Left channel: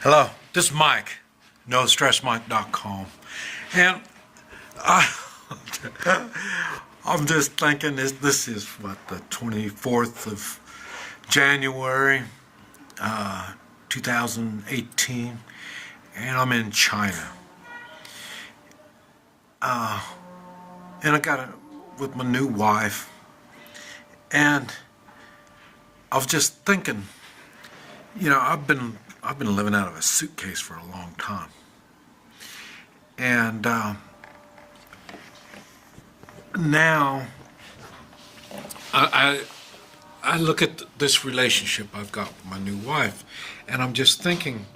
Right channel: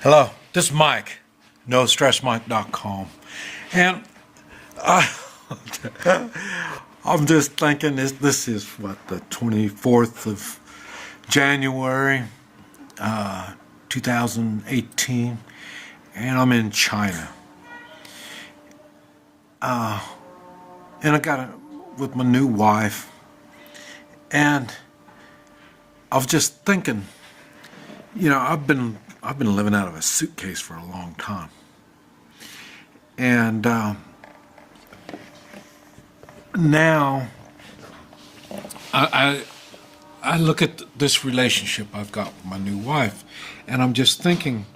Hello, this is Mike, NoStressMike.com, and I'm just thinking this is what, the 24th of January, 2018, and I'm in China, and I got it with my new wife, and I was just thinking, I've been living out of a suitcase for a long time, and now I look at this relationship I've got with my new wife, and I'm just thinking,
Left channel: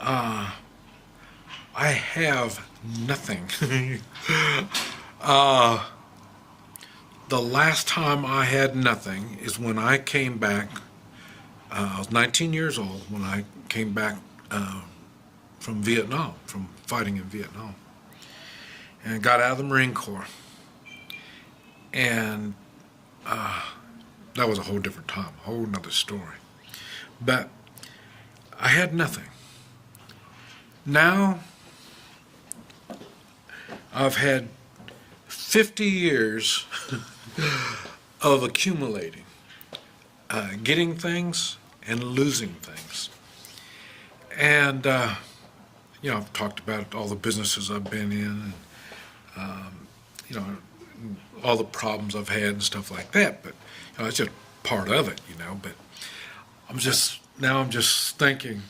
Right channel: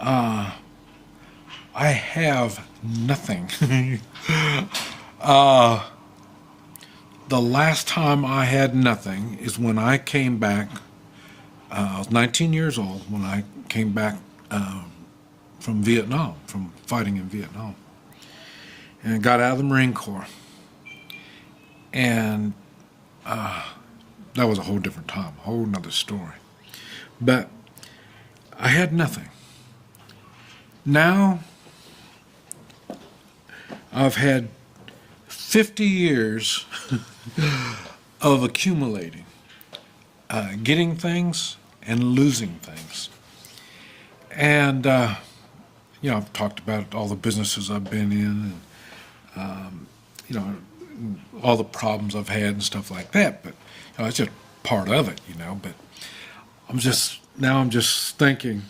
I have nothing. The last time I had nothing is when I came back. I was 19 years old when I came back from Vietnam, from fighting in Vietnam, and got out of the Marine Corps. And that was a whole different time, a whole nother story. But I had nothing. Now I've had 50 years of accumulating, getting things and losing things. And, I've talked about all the businesses I've been in, and, all the problems I've had and stuff like that. But it's just part of it, But I'm just thinking,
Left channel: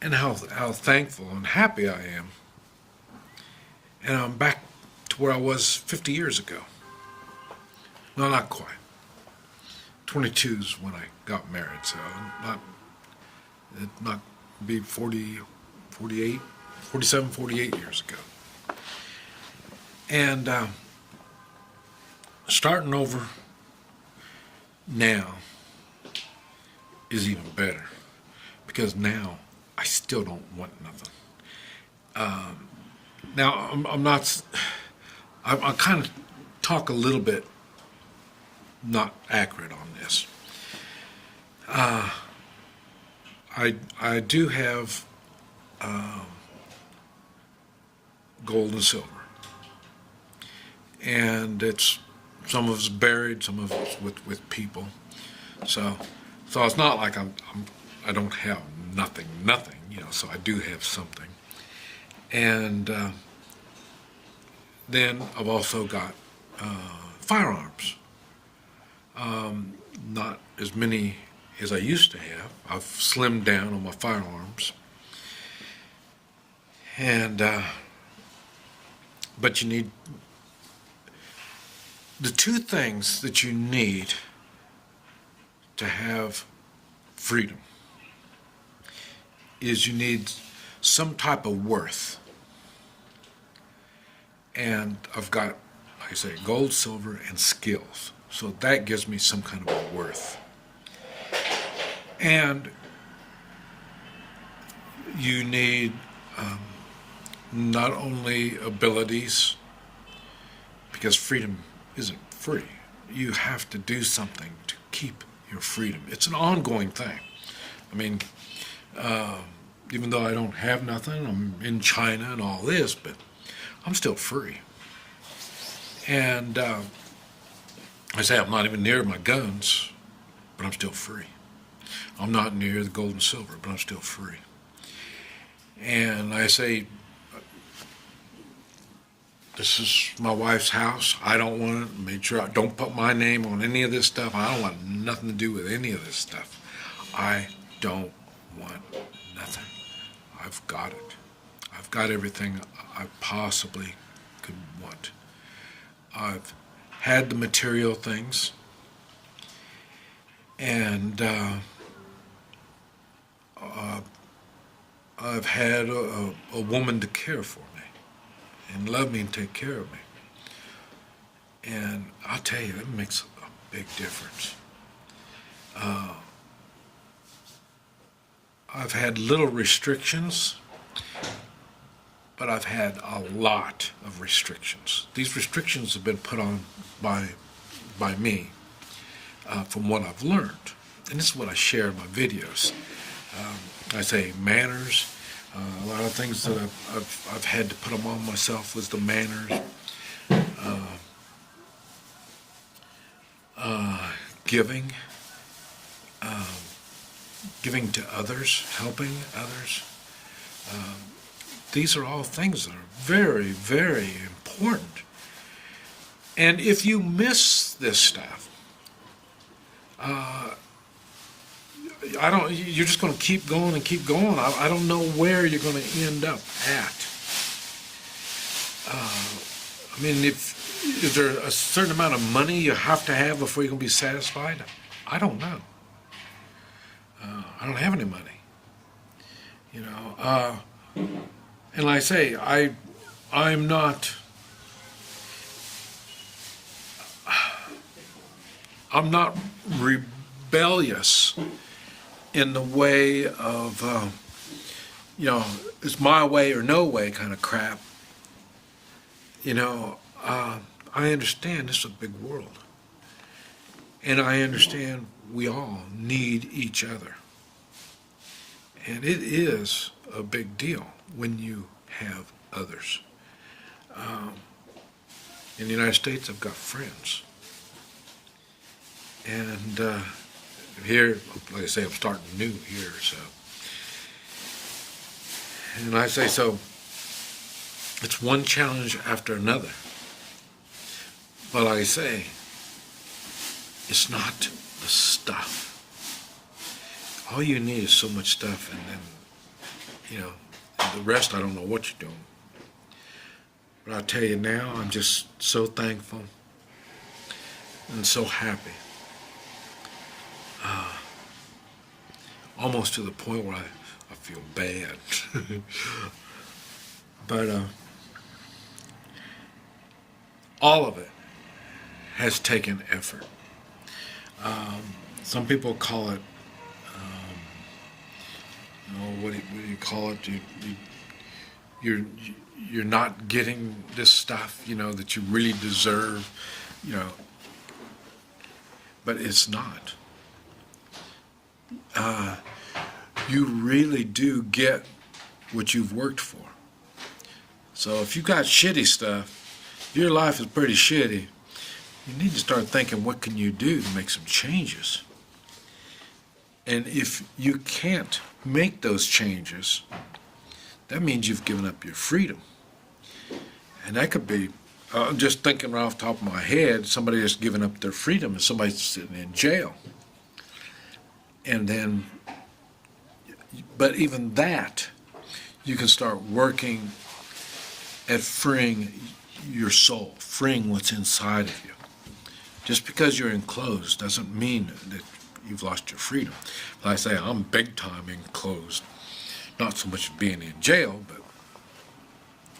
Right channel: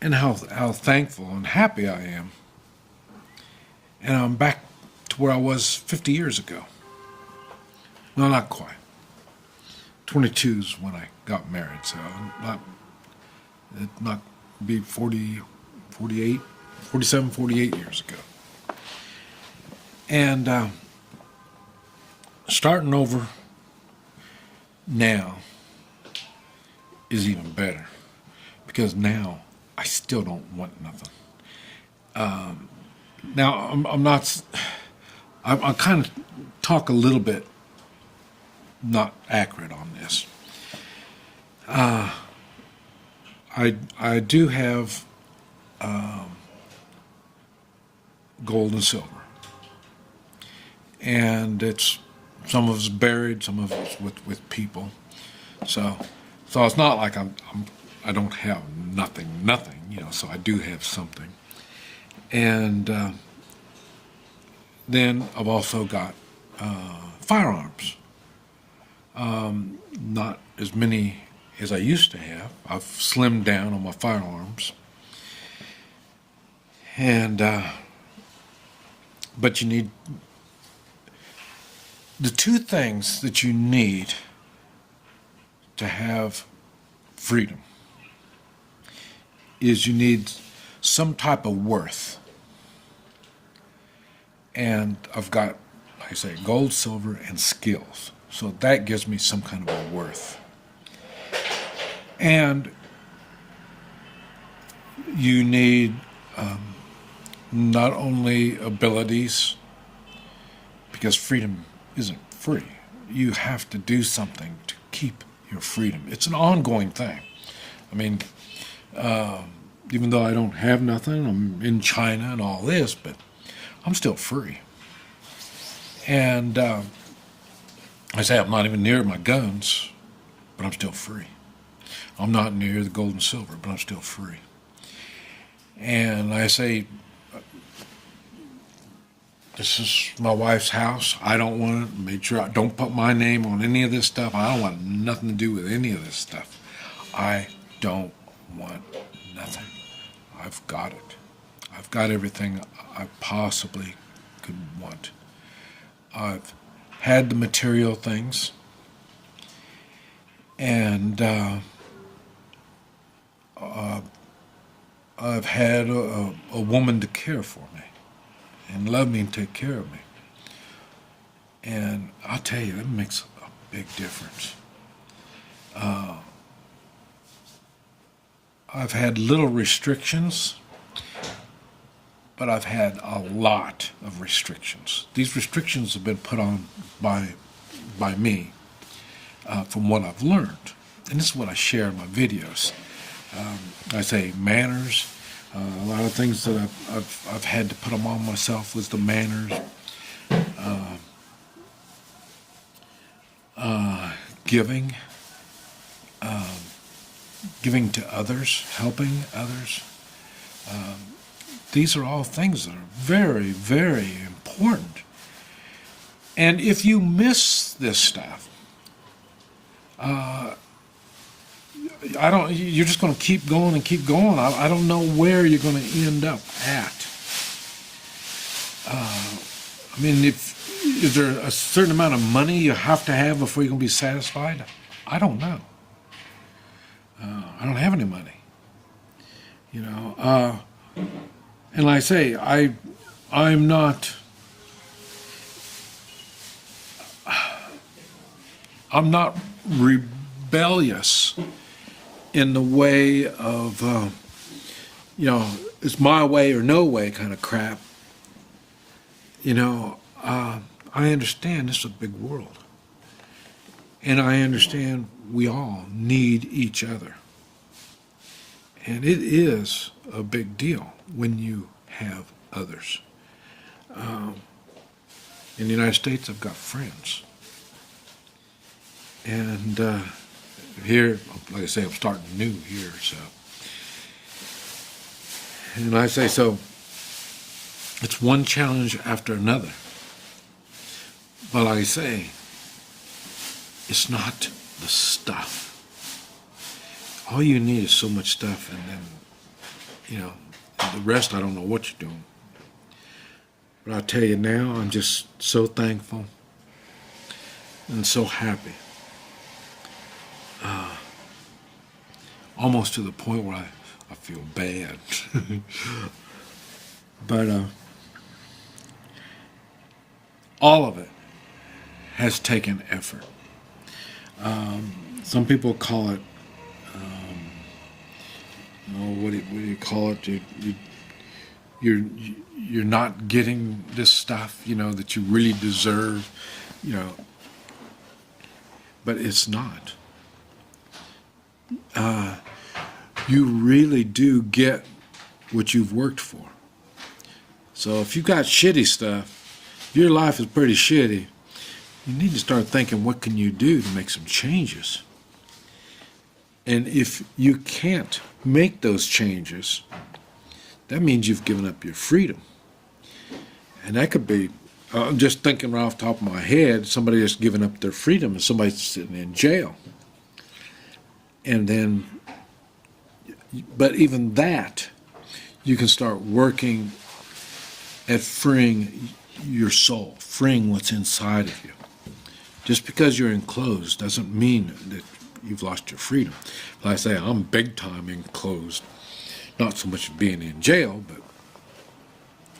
and how thankful and happy I am. And I'm back to where I was 50 years ago. No, not quite. 22 is when I got married, so not be 40, 48, 47, 48 years ago. And starting over now is even better, because now I still don't want nothing. Now I kind of talk a little bit not accurate on this. I do have gold and silver, and it's some of it's buried, some of it's with people. So it's not like I don't have nothing. So I do have something, and then I've also got firearms. Not as many as I used to have. I've slimmed down on my firearms. And, but you need, the two things that you need to have freedom is you need some type of worth. And I've got, like I say, gold, silver, and skills. So that gives me some kind of a worth. And you need not only abilities, because freedom isn't free. You have to do something to keep your freedom. It's an ongoing thing. I mean, even though I don't have nothing, I'm in China and all this, but I'm still free. And I say I'm not even near my guns, but I'm still free. I'm not near the gold and silver, but I'm still free. And I say, this is my wife's house. I don't want it. Make sure I don't put my name on any of this stuff. I don't want nothing to do with any of this stuff. I don't want nothing. I've got it. I've got everything I possibly could want. I've had the material things, and I've had a woman to care for me and love me and take care of me. And I'll tell you, it makes a big difference. I've had little restrictions, but I've had a lot of restrictions. These restrictions have been put on by me from what I've learned. and this is what I share in my videos. I say manners. A lot of things that I've had to put them on myself was the manners. Giving. Giving to others. Helping others. These are all things that are very, very important. And if you miss this stuff, you're just going to keep going and keep going. I don't know where you're going to end up at. I mean, is there a certain amount of money you have to have before you're going to be satisfied? I don't know. I don't have any money. You know, and like I say, I'm not rebellious in the way of, it's my way or no way kind of crap. I understand this is a big world. And I understand we all need each other. And it is a big deal when you have others. In the United States, I've got friends. And here, like I say, I'm starting new here, so. And I say, so, it's one challenge after another. But like I say, it's not the stuff. All you need is so much stuff, and then, the rest, I don't know what you're doing. But I'll tell you now, I'm just so thankful and so happy. Almost to the point where I feel bad. But all of it has taken effort. Some people call it, what do you call it? You're not getting this stuff, that you really deserve, but it's not. You really do get what you've worked for. So if you've got shitty stuff, your life is pretty shitty, you need to start thinking, what can you do to make some changes? And if you can't make those changes, that means you've given up your freedom. And that could be, I'm just thinking right off the top of my head, somebody that's given up their freedom and somebody's sitting in jail. And then, but even that, you can start working at freeing your soul, freeing what's inside of you. Just because you're enclosed doesn't mean that you've lost your freedom. Like I say, I'm big time enclosed. Not so much being in jail, but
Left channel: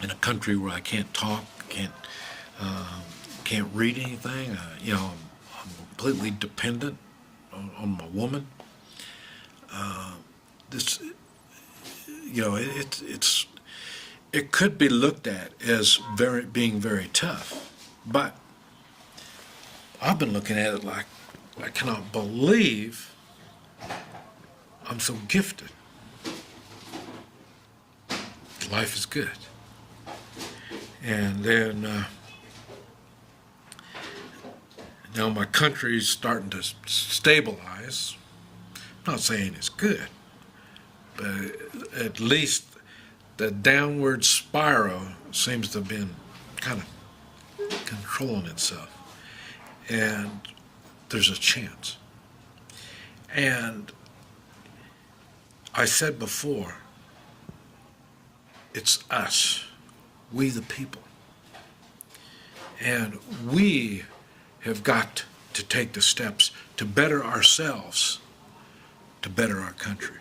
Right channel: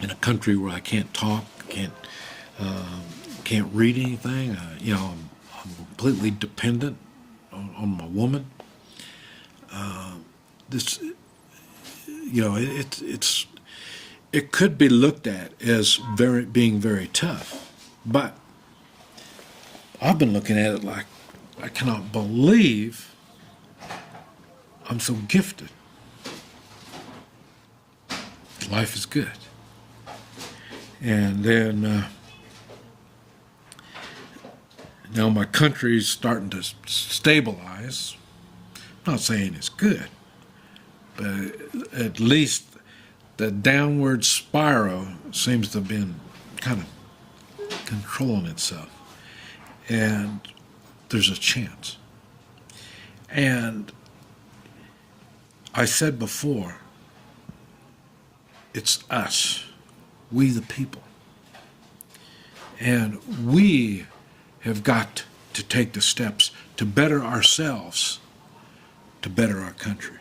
in a country where I can't talk, can't read anything. I'm completely dependent on my woman. It could be looked at as being very tough, but I've been looking at it like I cannot believe I'm so gifted. Life is good. And then now my country's starting to stabilize. I'm not saying it's good, but at least the downward spiral seems to have been kind of controlling itself. And there's a chance. And I said before, it's us, we the people. And we have got to take the steps to better ourselves, to better our country.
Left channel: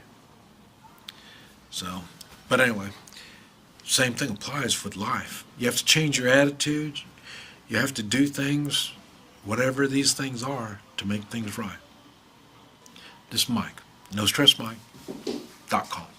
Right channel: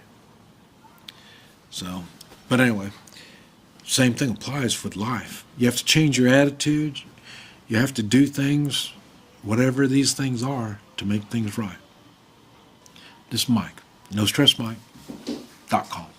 So, but anyway, same thing applies with life. You have to change your attitude. You have to do things, whatever these things are, to make things right. This is Mike, NoStressMike.com.